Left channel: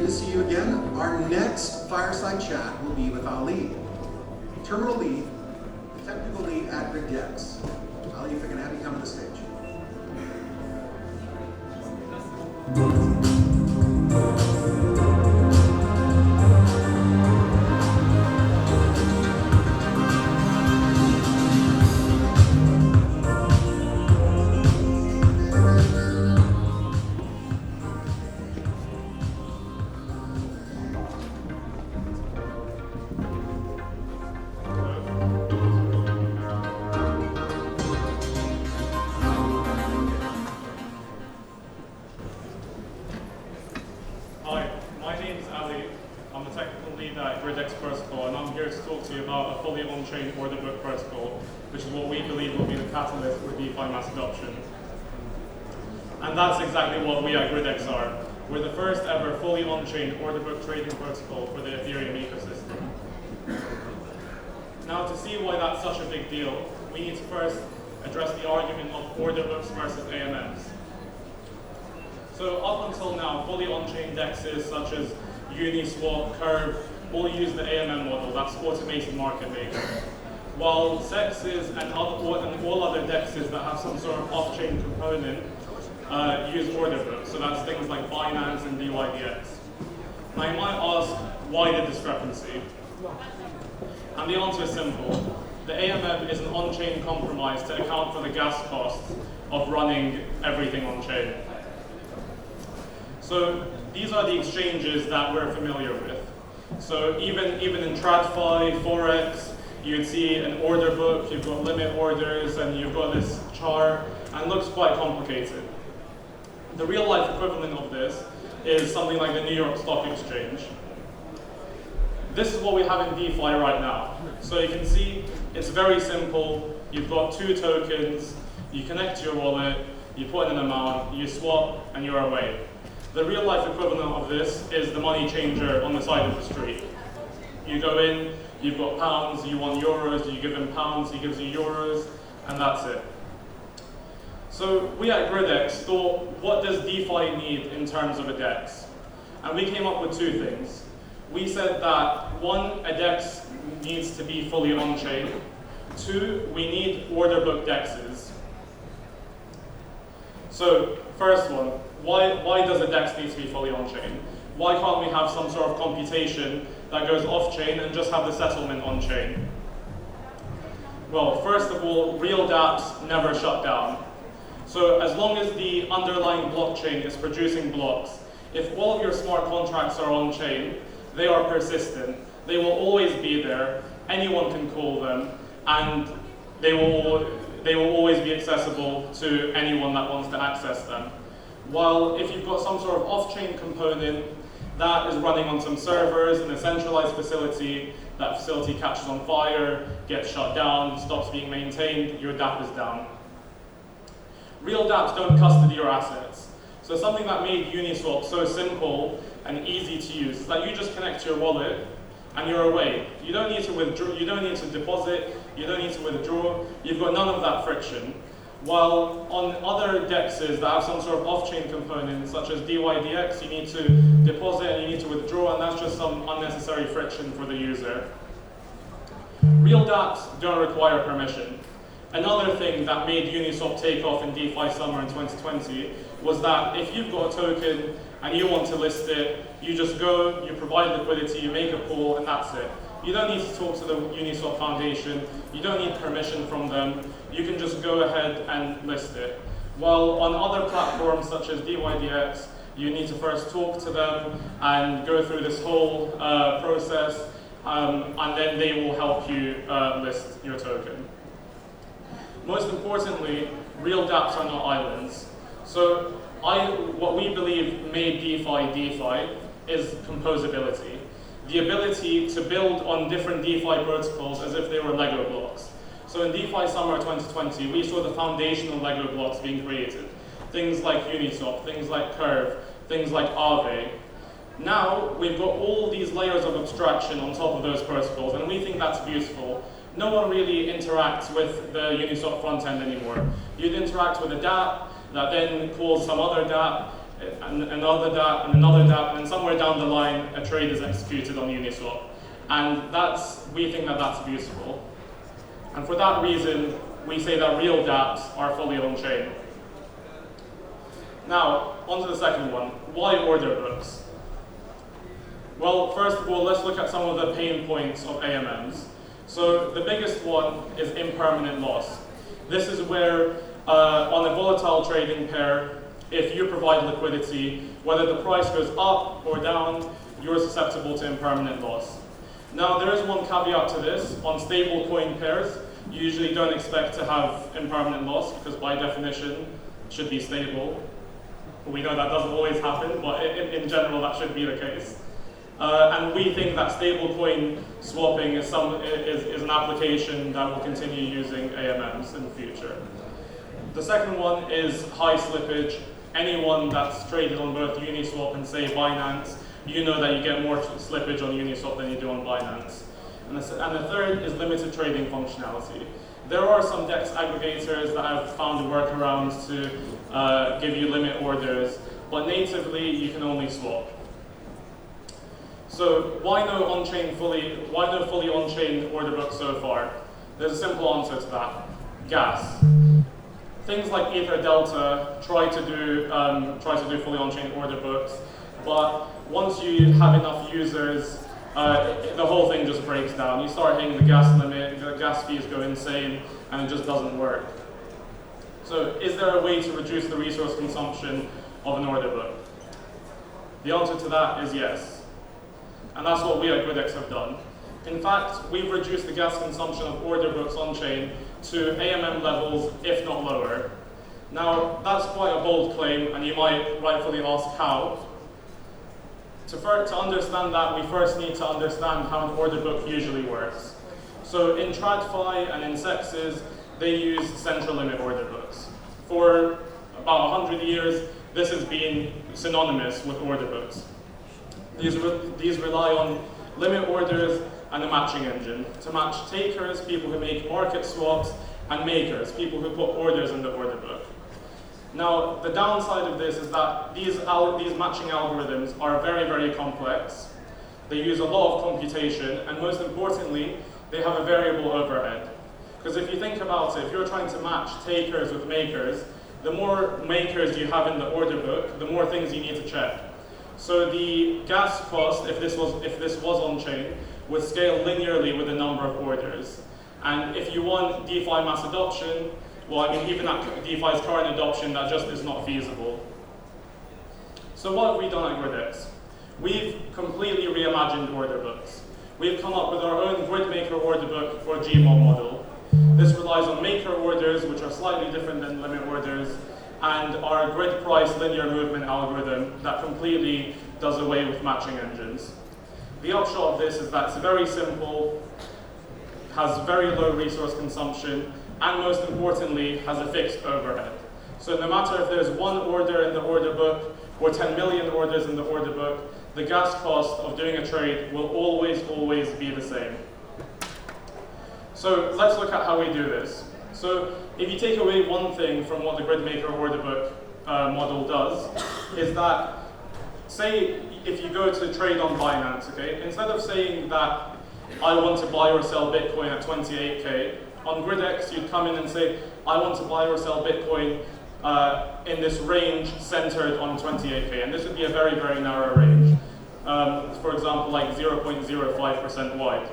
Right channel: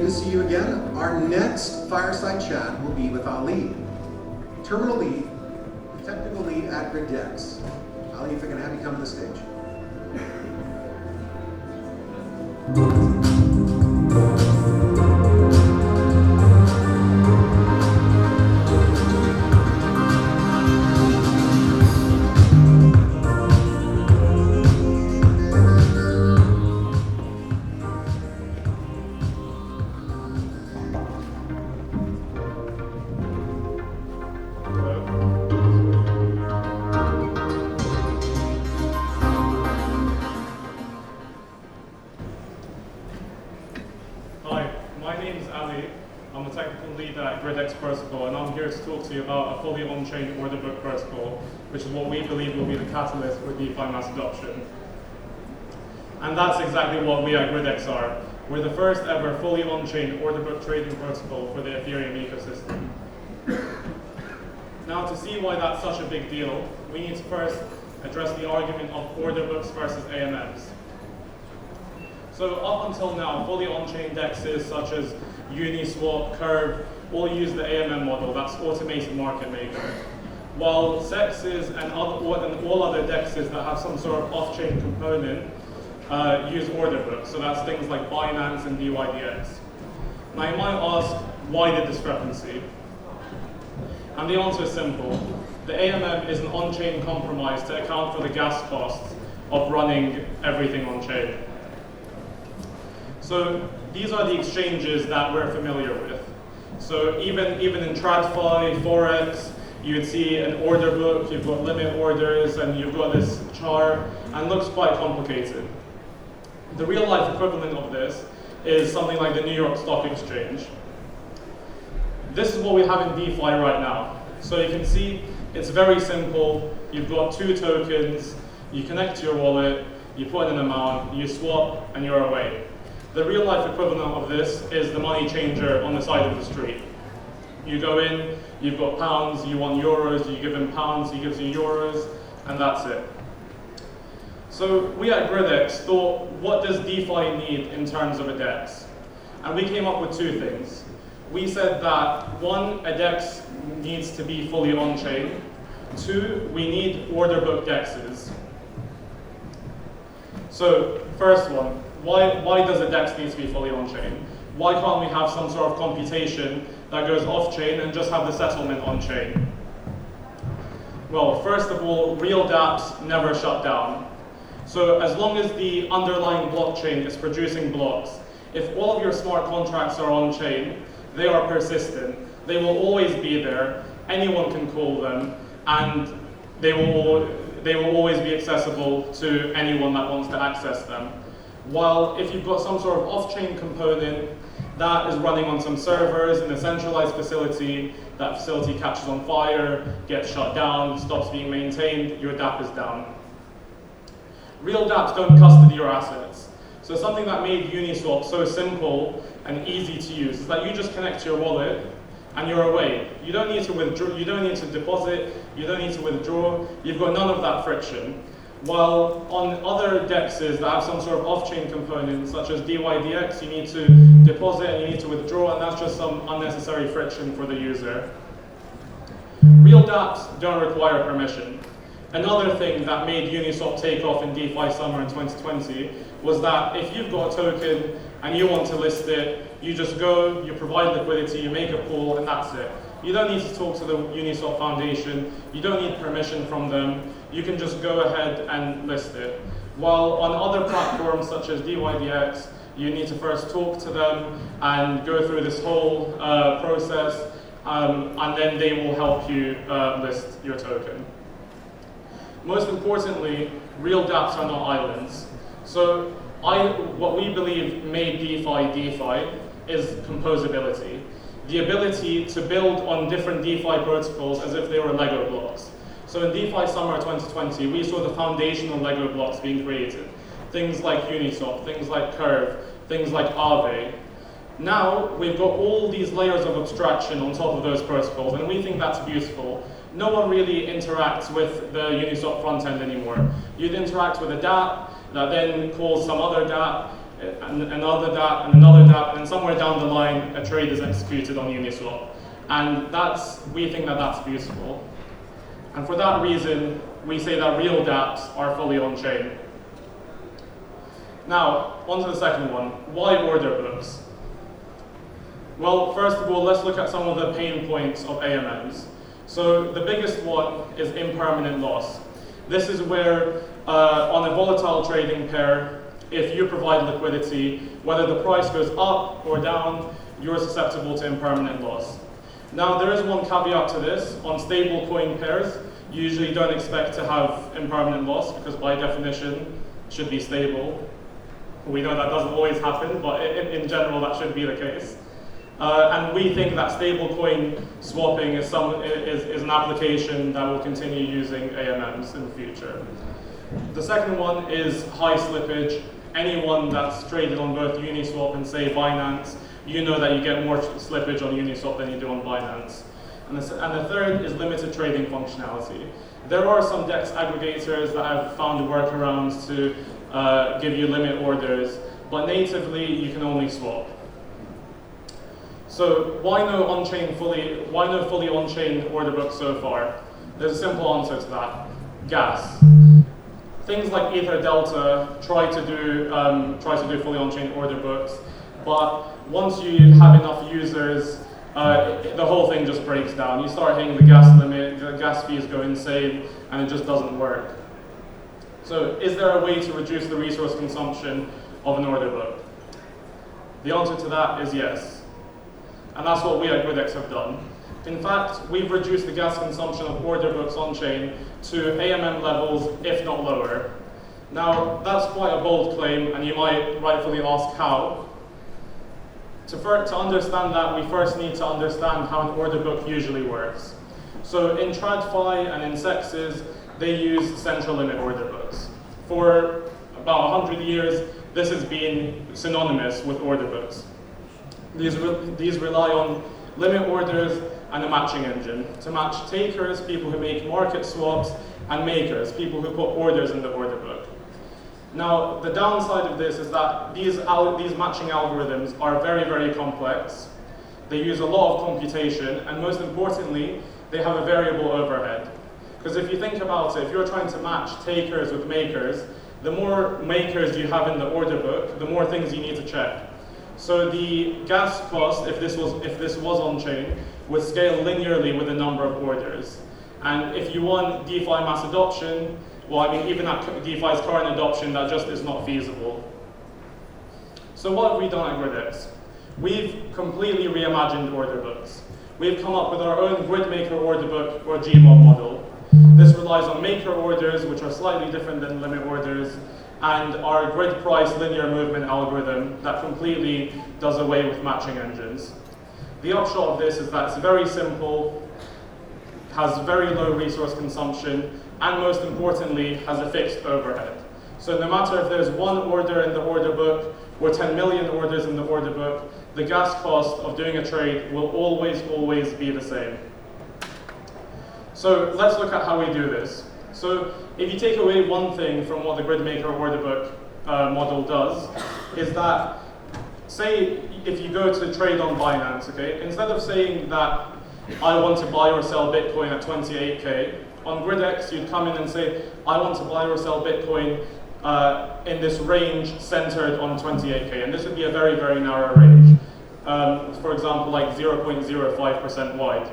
good to see you again. Our next fireside chat will be with Ali, terminal lead, technical lead at Gridex. Ali, if I can have you come to the stage. About a fully on-chain order book protocol, which is what we believe will be the catalyst for DeFi mass adoption. And that's exactly what we at Gridex are. We're the first ever fully on-chain order book trading protocol for the Ethereum ecosystem. Now, to see why that's such a big deal, we need to first address the argument of order books versus AMMs. So up until now, fully on-chain DEXs such as Uniswap, Curve, all use the AMM model, that's automated market making. While CEXs and all other DEXs that have some sort of off-chain component use order books, so that's things like Binance and DYDX. Now you might ask, why the discrepancy? And the answer is simple. The AMM is an on-chain compromise to account for the gas costs of running everything on-chain. So these are the exchanges that we're familiar with. So even in TradFi, Forex, you'd see an order book, you've got limit orders, and you've got this chart, and it looks quite complicated. The real life equivalent of this is something like the New York Stock Exchange. This is what we have in DeFi right now. So you can see it's very simple. You've got two tokens, you connect to your wallet, you put in an amount, you swap, and you're away. The real life equivalent of this is the money changer on the side of the street. You go in, you've got pounds, you want euros, you give him pounds, he gives you euros, and that's it. So we at Gridex thought, what does DeFi need in terms of a DEX? And we came up with two things. We said that one, a DEX needs to be fully on-chain. Two, we need order book DEXs. So first one, why does a DEX need to be fully on-chain? Why can't we have some sort of computation that goes off-chain and just have the settlement on-chain? Well, first of all, real dApps never shut down. So as long as the underlying blockchain is producing blocks, if all of your smart contracts are on-chain, they are persistent. They will always be there. Anyone can call them, and they will always be accessible to anyone that wants to access them. While if you've got some sort of off-chain component that is running on some servers in a centralized facility, that facility catches on fire, gets shut down, stops being maintained, your dApp is down. Real dApps don't custody your assets. So something that made Uniswap so simple and easy to use is that you just connect to your wallet and you're away. You don't need to withdraw, you don't need to deposit, you don't need to withdraw, you've got none of that friction. While on other DEXs that have some sort of off-chain component, such as DYDX, you need to deposit and you need to withdraw, and that's just some unnecessary friction for the user. Real dApps don't require permission. Another thing that made Uniswap take off in DeFi summer in 2020 was that if you've got a token and you want to list it, you just go, you provide liquidity, you make a pool, and that's it. You don't need to talk to the Uniswap Foundation, you don't need permission from them, you can just go ahead and list it. While on other platforms such as DYDX, you need to first talk to them and go through this whole process, and then they will help you list your token. Most importantly, real dApps are not islands. So what we believe made DeFi is composability. The ability to build on different DeFi protocols as if they were Lego blocks. So in DeFi summer 2020, we saw the foundational Lego blocks being created. Things like Uniswap, things like Curve, things like Aave. Now, we've got all these layers of abstraction on top of those protocols, and we think that's beautiful. No one really interacts with the Uniswap front end anymore. You'd interact with a dApp that then calls some other dApp. and another dApp, and another dApp, and somewhere down the line, a trade is executed on Uniswap. And we think that that's useful. And for that reason, we say that real dApps are fully on-chain. Now, on to the second one. Why order books? Well, first of all, let's look at some of the pain points of AMMs. So the biggest one is impermanent loss. This is where, on a volatile trading pair, if you provide liquidity, whether the price goes up or down, you're susceptible to impermanent loss. Now, there is one caveat to this. On stable coin pairs, you usually don't expect to have impermanent loss because by definition, it should be stable. We know that doesn't always happen, but in general, that should be the case. And we think that stablecoin swapping is an application that will continue using AMMs in the future. The second one is high slippage. Anyone that's traded on both Uniswap and say Binance, you know that you get more slippage on Uniswap than you do on Binance. And the third is limited trading functionality. There are some DEX aggregators that have found workarounds to give you limit orders, but natively you can only swap. So why no fully on-chain order book so far? There's a simple answer to that: gas. Things like Ether Delta try to do fully on-chain order books, but once you have enough users, the whole thing just breaks down. You start hitting the gas limit, the gas fees go insane, and it just doesn't work. So is there a way to reduce the resource consumption of an order book? The answer to that is yes. And that's what we at Gridex have done. In fact, we've reduced the gas consumption of order books on-chain to AMM levels, if not lower. Now, that's quite a bold claim, and you might rightfully ask how. To understand that, we first need to understand how an order book usually works. So in TradFi and in CEXs, they use central limit order books. For about 100 years, this has been synonymous with order books. These rely on limit orders and a matching engine to match takers, people who make market swaps, and makers, people who put orders in the order book. Now, the downside of this is that these matching algorithms are very, very complex. They use a lot of computation, and most importantly, they have a variable overhead. Because if you think about it, if you're trying to match takers with makers, the more makers you have in the order book, the more things you need to check. So the gas cost, if this was on-chain, would scale linearly with the number of orders. And if you want DeFi mass adoption, well, I mean, even at DeFi's current adoption, that just is not feasible. So what have we done at Gridex? We've completely reimagined order books. We've come up with our own grid maker order book, or GMOB model. This relies on maker orders, which are slightly different than limit orders, and our grid price linear movement algorithm that completely does away with matching engines. The upshot of this is that it's very simple, has very low resource consumption, and most importantly, has a fixed overhead. So no matter if there's one order in the order book or 10 million orders in the order book, the gas cost of doing a trade will always be the same. So let's look at how we do this. So if you take away one thing from what the GridMaker order book model does, is that, say, if you go to trade on Binance, okay, instead of saying that I want to buy or sell Bitcoin at 28K, on Gridex you'd come in and say, I want to buy or sell Bitcoin in this range centered on 28K, and this would be a very, very narrow range. For example, like 0.05% wide.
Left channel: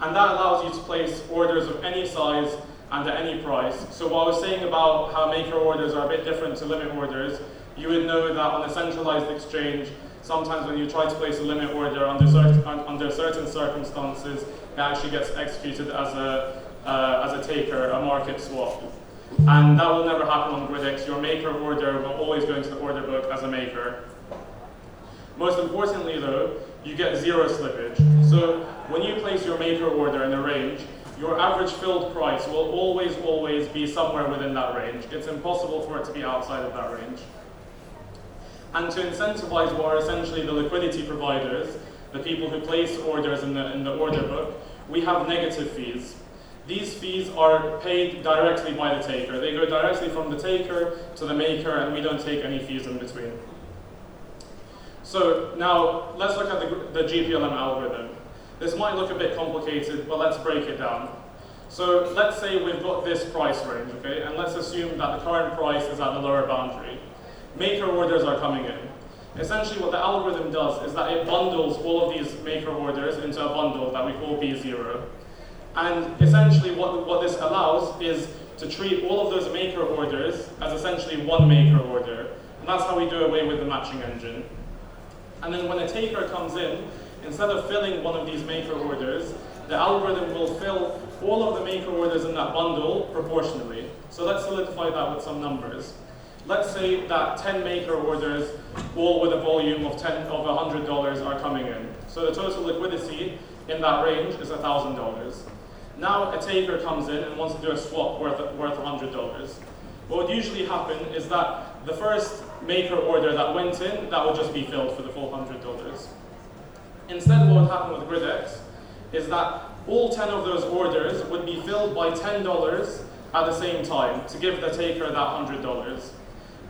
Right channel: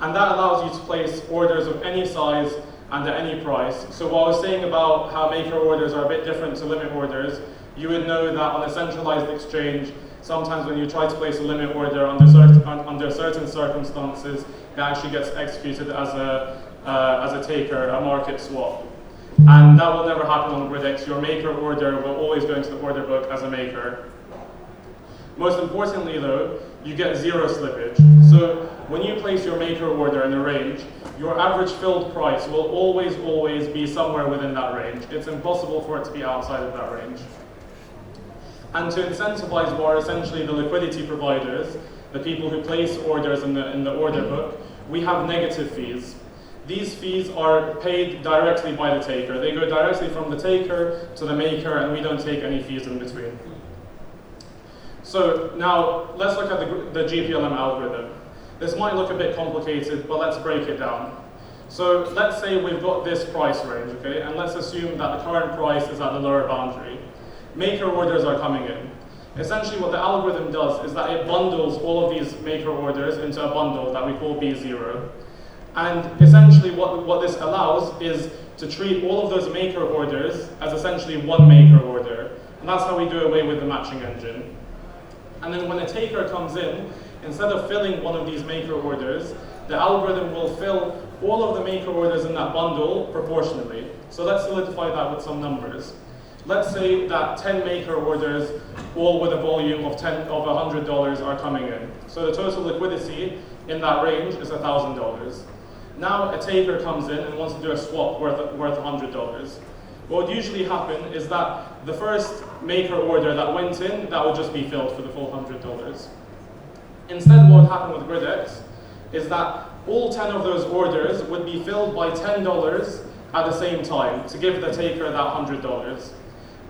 And that allows you to place orders of any size and at any price. So what I was saying about how maker orders are a bit different to limit orders, you would know that on a centralized exchange, sometimes when you try to place a limit order under certain circumstances, it actually gets executed as a taker, a market swap. And that will never happen on Gridex. Your maker order will always go into the order book as a maker. Most importantly though, you get zero slippage. So when you place your maker order in a range, your average filled price will always be somewhere within that range. It's impossible for it to be outside of that range. And to incentivize what are essentially the liquidity providers, the people who place orders in the order book, we have negative fees. these fees are paid directly by the taker. They go directly from the taker to the maker, and we don't take any fees in between. So now let's look at the GPLM algorithm. This might look a bit complicated, but let's break it down. So let's say we've got this price range, okay? And let's assume that the current price is at the lower boundary. Maker orders are coming in. Essentially what the algorithm does is that it bundles all of these maker orders into a bundle that we call B0. And essentially what this allows is to treat all of those maker orders as essentially one maker order. And that's how we do away with the matching engine. And then when a taker comes in, instead of filling one of these maker orders, the algorithm will fill all of the maker orders in that bundle proportionally. So let's solidify that with some numbers. Let's say that 10 maker orders, all with a volume of $100 are coming in. So the total liquidity in that range is $1,000. Now a taker comes in and wants to do a swap worth $100. What would usually happen is that the first maker order that went in, that would just be filled for the full $100. Instead, what would happen with Gridex is that all 10 of those orders would be filled by $10 at the same time to give the taker that $100.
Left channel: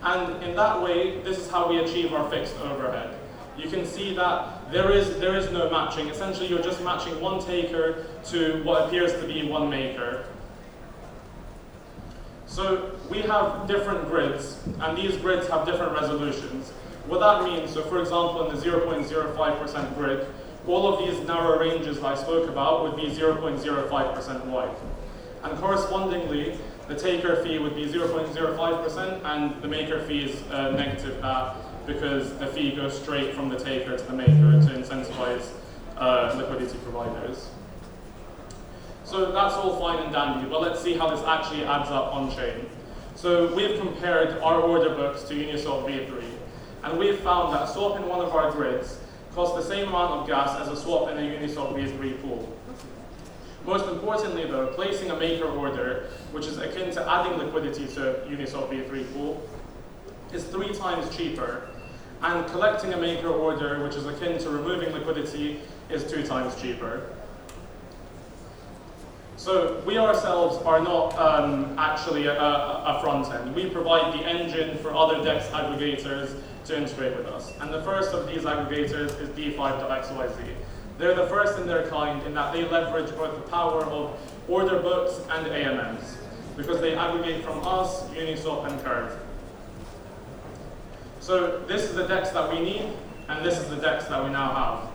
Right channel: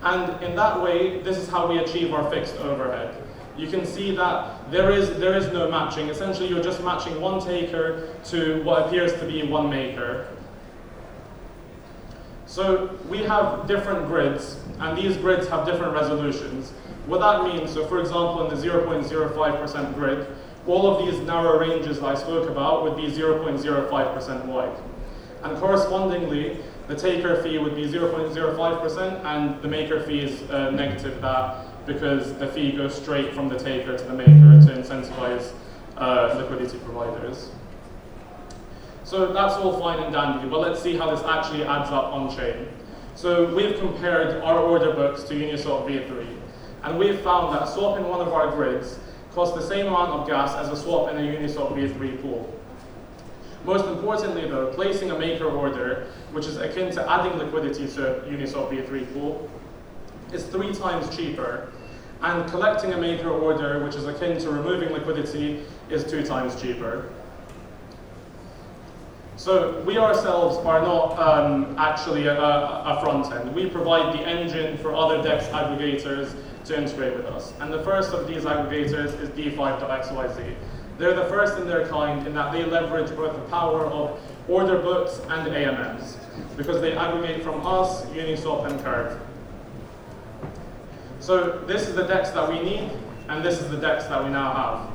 And in that way, this is how we achieve our fixed overhead. You can see that there is no matching. Essentially, you're just matching one taker to what appears to be one maker. So we have different grids, and these grids have different resolutions. What that means, so for example, in the 0.05% grid, all of these narrow ranges that I spoke about would be 0.05% wide. And correspondingly, the taker fee would be 0.05%, and the maker fee is negative that, because the fee goes straight from the taker to the maker to incentivize liquidity providers. So that's all fine and dandy, but let's see how this actually adds up on chain. So we've compared our order books to Uniswap V3, and we've found that a swap in one of our grids costs the same amount of gas as a swap in a Uniswap V3 pool. Most importantly though, placing a maker order, which is akin to adding liquidity to a Uniswap V3 pool, is 3 times cheaper. And collecting a maker order, which is akin to removing liquidity, is 2 times cheaper. So we ourselves are not actually a front end. We provide the engine for other DEX aggregators to integrate with us. And the first of these aggregators is D5.xyz. They're the first in their kind in that they leverage both the power of order books and AMMs, because they aggregate from us, Uniswap, and Curve. So this is the DEX that we need, and this is the DEX that we now have.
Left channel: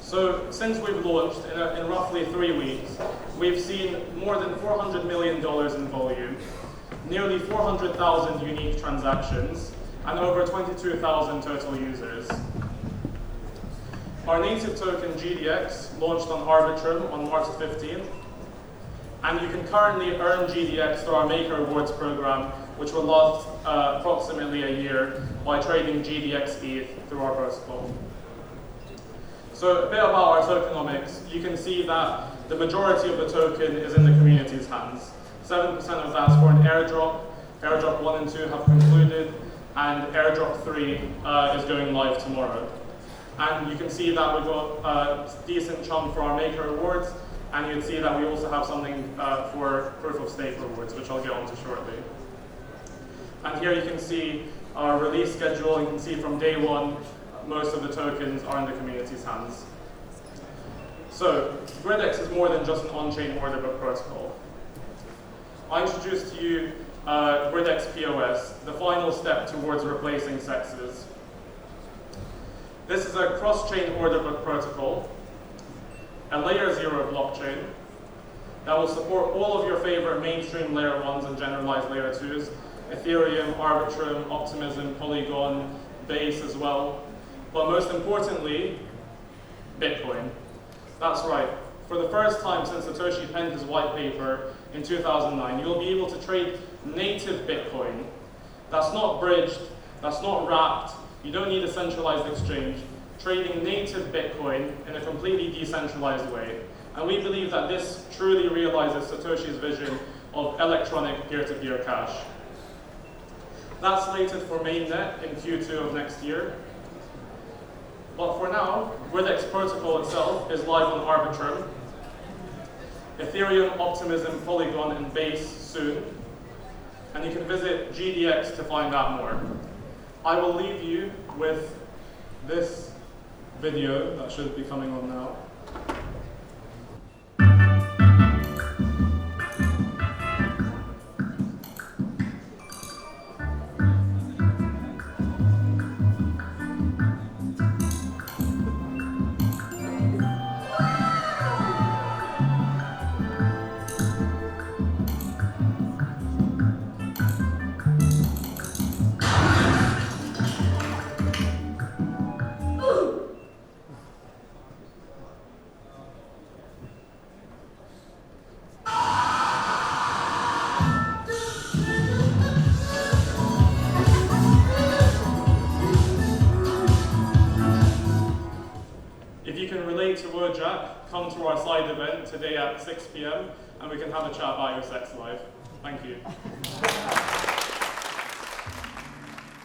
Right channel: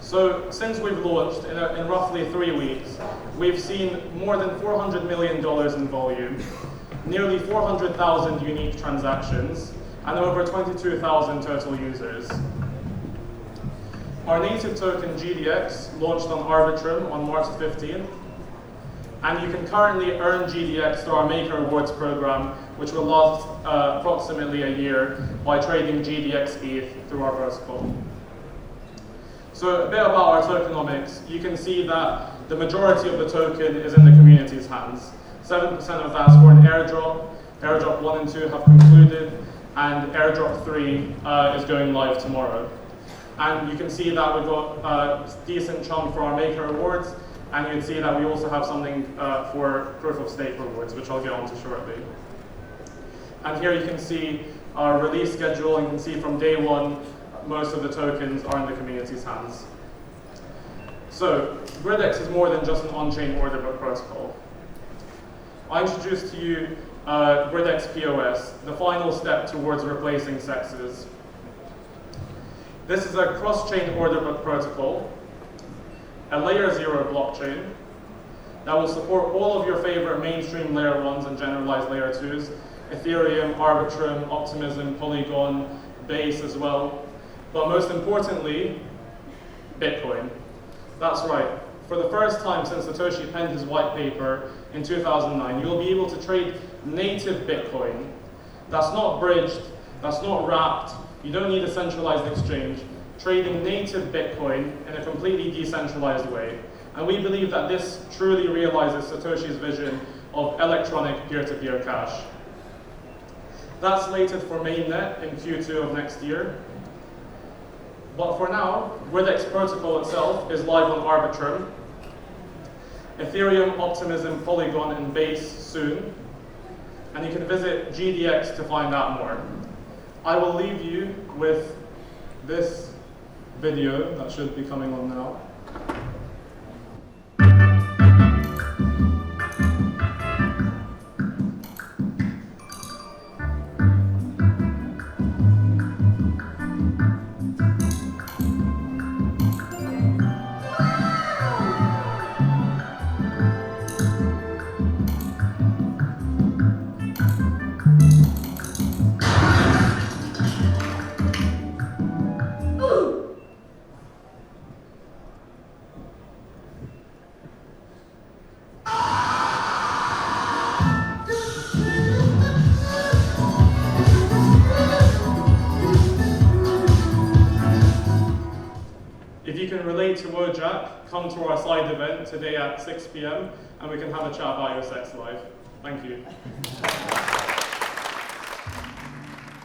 So since we've launched, in roughly 3 weeks, we've seen more than $400 million in volume, nearly 400,000 unique transactions, and over 22,000 total users. Our native token, GDX, launched on Arbitrum on March 15th, and you can currently earn GDX through our Maker Awards program, which will last approximately a year, by trading GDX ETH through our protocol. So a bit about our tokenomics. You can see that the majority of the token is in the community's hands. 7% of that's for an airdrop. Airdrop 1 and 2 have concluded, and airdrop 3 is going live tomorrow. And you can see that we've got a decent chunk for our Maker Awards, and you can see that we also have something for Proof of Stake rewards, which I'll get onto shortly. And here you can see our release schedule, and you can see from day 1, most of the tokens are in the community's hands. So, Gridex is more than just an on-chain order book protocol. I introduced to you Gridex POS, the final step towards replacing sexes. This is a cross-chain order book protocol, a layer 0 blockchain that will support all of your favorite mainstream layer 1s and generalized layer 2s, Ethereum, Arbitrum, Optimism, Polygon, Base as well. But most importantly, Bitcoin. That's right. For the first time since Satoshi penned his white paper in 2009, you'll be able to trade native Bitcoin. That's not bridged, that's not wrapped, you don't need a centralized exchange. Trading native Bitcoin in a completely decentralized way. And we believe that this truly realizes Satoshi's vision of electronic peer-to-peer cash. That's slated for mainnet in Q2 of next year. But for now, Gridex protocol itself is live on Arbitrum. Ethereum, Optimism, Polygon, and Base soon. And you can visit GDX to find out more. I will leave you with this video that should be coming on now. If you can relate to Wordjack, come to our slide event today at 6 p.m. and we can have a chat about your sex life. Thank you.